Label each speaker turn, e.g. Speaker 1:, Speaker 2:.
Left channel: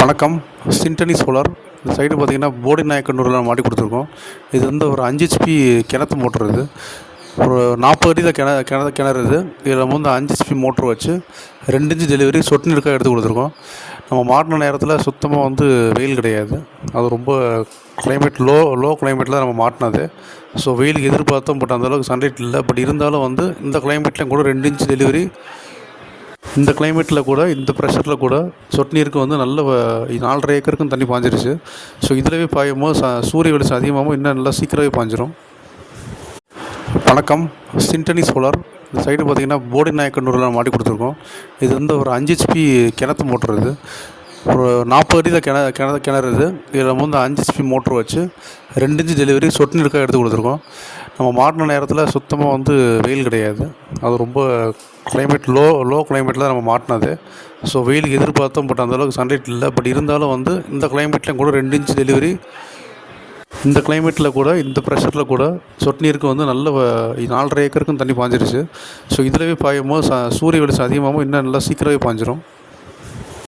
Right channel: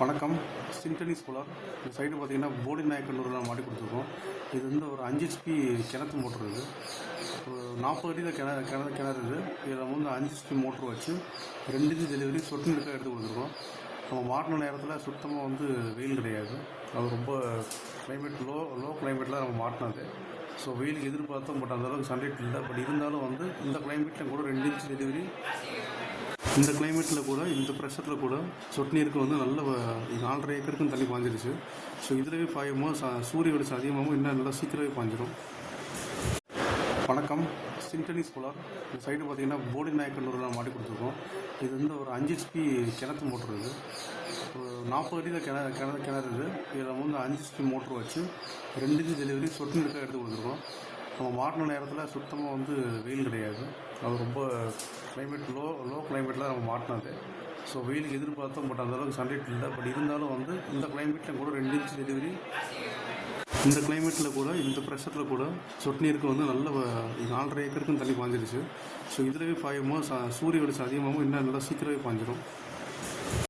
Speaker 1: வணக்கம். சிண்டனி சோலார் இந்த சைடு பார்த்தீங்கன்னா போடி நாயக்கனூரில் மாட்டி கொடுத்துருக்கோம். இது வந்து ஒரு அஞ்சு ஹெச்பி கிணத்து மோட்ரு இது. ஒரு நாற்பது அடியில் கிண கிண கிணறு இது. இதில் வந்து அஞ்சு ஹெச்பி மோட்ரு வச்சு ரெண்டு இன்ச்சு டெலிவரி சொட்டு நீருக்காக எடுத்து கொடுத்துருக்கோம். நம்ம மாட்டின நேரத்தில் சுத்தமாக வந்து வெயில் கிடையாது. அது ரொம்ப கிளைமேட் லோ லோ கிளைமேட்டில் நம்ம மாட்டினது. ஸோ வெயிலுக்கு எதிர்பார்த்தோம் பட் அந்தளவுக்கு சன்லைட் இல்லை. பட் இருந்தாலும் வந்து இந்த கிளைமேட்லேயும் கூட ரெண்டு இன்ச்சு டெலிவரி இந்த கிளைமேட்டில் கூட இந்த ப்ரெஷரில் கூட சொட்டு நீருக்கு வந்து நல்ல நாலரை ஏக்கருக்கும் தண்ணி பாஞ்சிருச்சு. ஸோ இதிலவே பாயும் போது ச சூரிய வெளிச்சம் அதிகமாகவும் இன்னும் நல்லா சீக்கிரமே பாஞ்சிரும். வணக்கம். சிண்டனி சோலார் இந்த சைடு பார்த்தீங்கன்னா போடி நாயக்கனூரில் மாட்டி கொடுத்துருக்கோம். இது வந்து ஒரு அஞ்சு ஹெச்பி கிணத்து மோட்ரு இது. ஒரு நாற்பது அடியில் கிண கிணறு கிணறு இது. இதில் வந்து அஞ்சு ஹெச்பி மோட்ரு வச்சு ரெண்டு இன்ச்சு டெலிவரி சொட்டு நீருக்காக எடுத்து கொடுத்துருக்கோம். நம்ம மாட்டின நேரத்தில் சுத்தமாக வந்து வெயில் கிடையாது. அது ரொம்ப கிளைமேட் லோ லோ கிளைமேட்டில் நம்ம மாட்டினது ஸோ வெயிலுக்கு எதிர்பார்த்தோம் பட் அந்தளவுக்கு சன்லைட் இல்லை. பட் இருந்தாலும் வந்து இந்த கிளைமேட்லேயும் கூட ரெண்டு இன்ச் டெலிவரி இந்த கிளைமேட்டில் கூட இந்த ப்ரெஷரில் கூட சொட்டு நீருக்கு வந்து நல்ல வ- நாலரை ஏக்கருக்கும் தண்ணி பாஞ்சிருச்சு. ஸோ இதிலவே பாயும் போது ச சூரிய வெளிச்சம் அதிகமாகவும் இன்னும் நல்லா சீக்கிரமே பாஞ்சிரும்.